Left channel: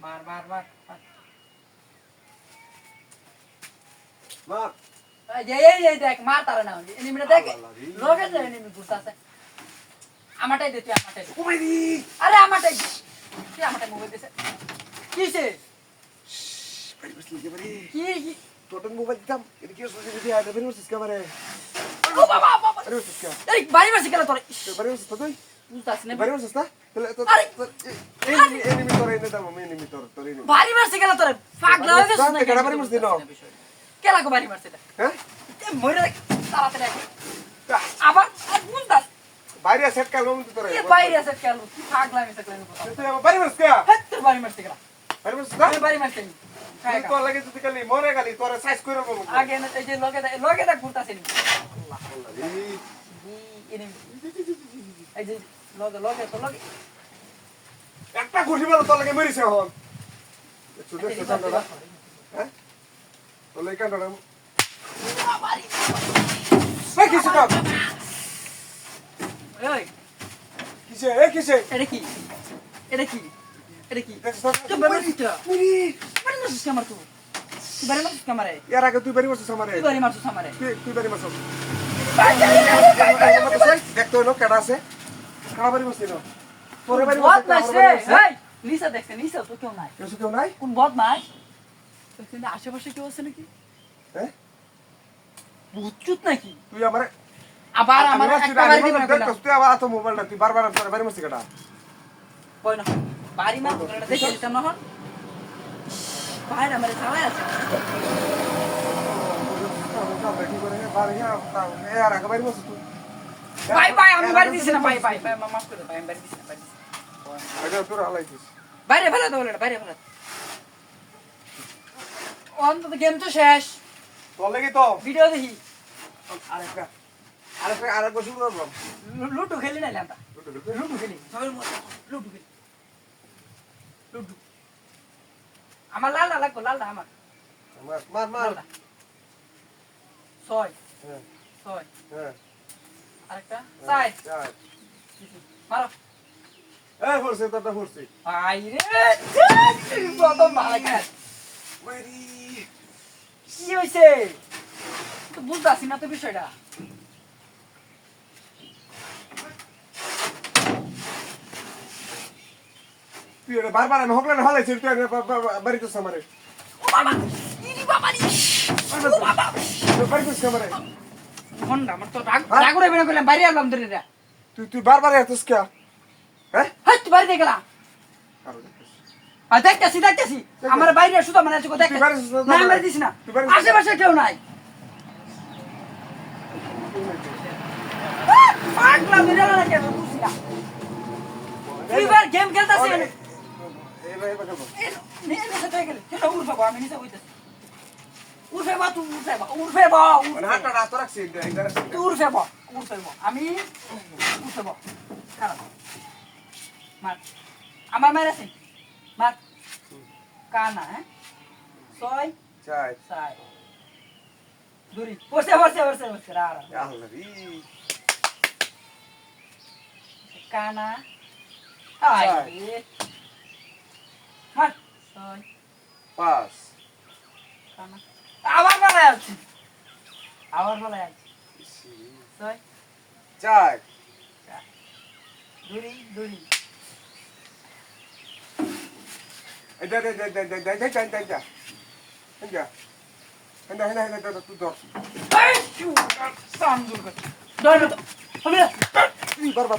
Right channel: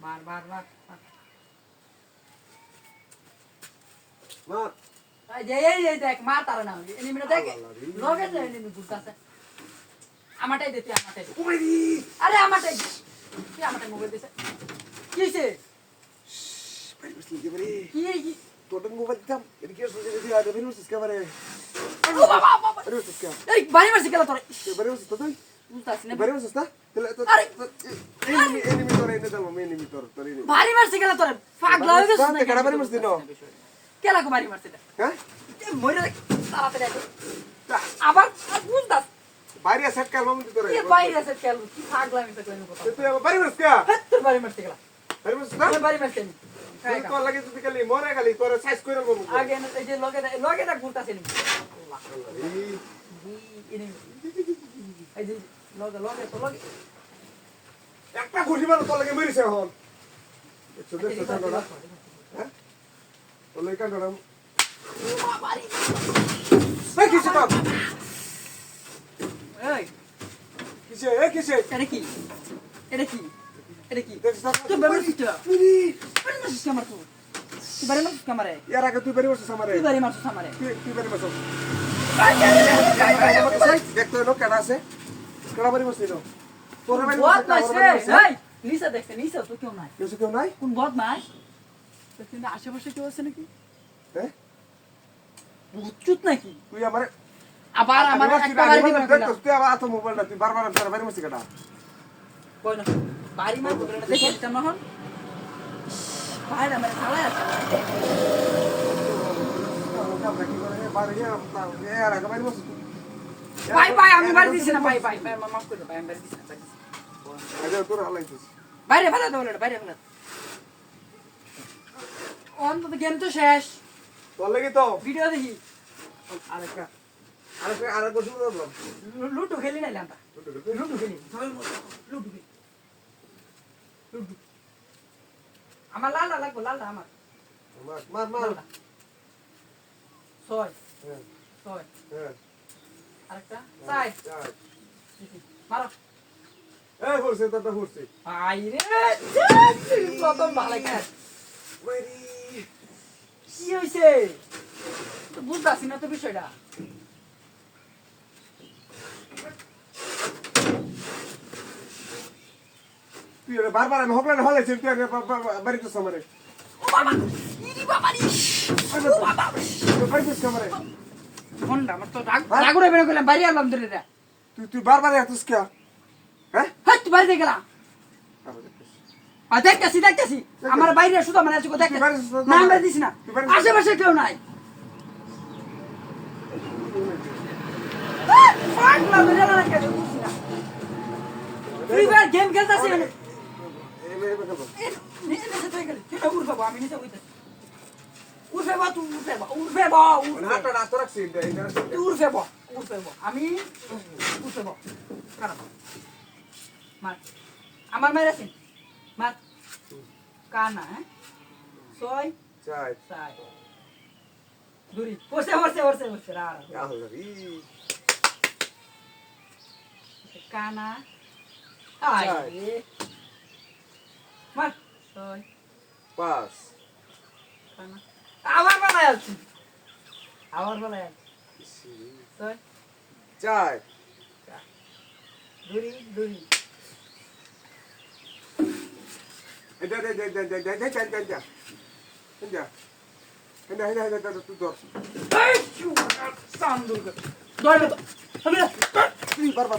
মার মার মার মার এই দেখ মার তারা না এনিমিটা দেখ লগে যে এনিমি ঘুরতাছে আমারটাই দে তুই আমারটাই দে কুমারি আরে আমারটাই দে তুই আমারটাই মোবাইল দিছে কিসে ভাই বসলি কে বারে কি তোর মোবাইল দিতাম এটা কি সোজে বুঝি আর বের হইছিস কে বারে ও বাবা বাবা বের হইছিস কে এই বাড়ি মারছি কেন তোরে বের হইছিস তো তুই বুঝতাছ না বের হইছিস না তাহলে তো এনিমি তোর এনে দাও এনিমি তোর এনিমি বাড়ি মারছি কেন তোরে পাগলা হয়ে গেছিস না কেডা বাড়ি মারছিস না কেলা কো বাড়ি মারছিস হ্যাঁ মইরা তাড়াতাড়ি আগে আবার বুঝতাছ বাইরে সেট কাল মম তোর এ বাইরে আছে কেন কি পাগলা মিছে কইন কথা তুই আমার বাড়ি মারছিস কে হ্যাঁ তোর বাড়ি মারছি কেলা বাড়ি মারছিস না বাড়ি মারছি তুই তো লাগে তুই খালি মরে গেলি তোর সাইজ কইরা বলবো আগে না এই যে লগে ঘুরতাছে নি আল্লাহ এই যে লগে তো লগে একটা ঘুরি বল তোর লাগে মরিছে হন দেখছো কান্ডা হ্যাঁ তোর লাগে কান্ডা এই কিসে বাপ এই কিসে এটা কি দেখছ না তুই বাড়ি মারছিস মুনি বাড়ি মারছিস আমার তুই বাড়ি মারছিস আমারে ইয়ার আগে তুই বাড়ি মারছিস আমারে তুই বাড়ি মারছিস আমারে তুই বাড়ি মারছিস দেখতো লোক কেডা আছে কারা বাড়ি মারছিস তোর বাড়ি বদ মারছিস নাই এই নিচে দেখছে নিচে তো কেউ নাই কেউ নাই কোন বদ নাই কিন্তু আশেপাশে কেউ আছে নাকি হ্যাঁ বুঝছুত নাকি তুই আমারে আবার আমার একটা বাড়ি দিবেন না তুই আবার তো মোবাইলটা তুই বারবার তোর বাড়ি মারছিস কেডা কই না বাড়ি মার বদলে দেখে দিতাম না হন বাইরে আমার চালাই আছে বাই আমি বাড়ি দিছি না বাই মাফ করে বাই আমি বাড়ি দিছি না বাইরে ফেলা দাও বাইরে ফেলা অন্তত গেম তো শেষ ভিডিও দেখি লুডু খেলি না আমরা লুডু খেলি লুডু আমার লালটা লাগবো লালটা আমার লালটা ছয় আরেকটা সাইড মারো বাইরে প্রথম ভালো খেল কি হয়েছে তো বুঝতেছি না তো বিষয়টা তুই বারবার আমি হকলে হলাইছি তুই বাড়িতে সামারে ও বাবা ইনি বাবা রে ও বাবা বাড়িতে সামারে ফোনটা আমার তো রাগ করে বের করলাম বাইরে আলাম ধরে রে তুই বারবার এতস কে হ্যাঁ হাত বাইরে গেলা আর দেখতেছি আমার বাইরে শুধু মানে আছে দেখতে না আমরা দিস না আশেপাশে কেউ নাই পাগলা বের হলো না কেন বুঝছি না ফ্রিবার গেম খেলতাছি উঠবে আমি নিচে হইতেছি উঠবে আমি উঠবে খারাপ মার আমার মায়ের আছে মার কানা হ্যাঁ ছয় চার দূরি বসে কানা মার ছয় কানা আবার বলা আছে ছয় দূরি বারবার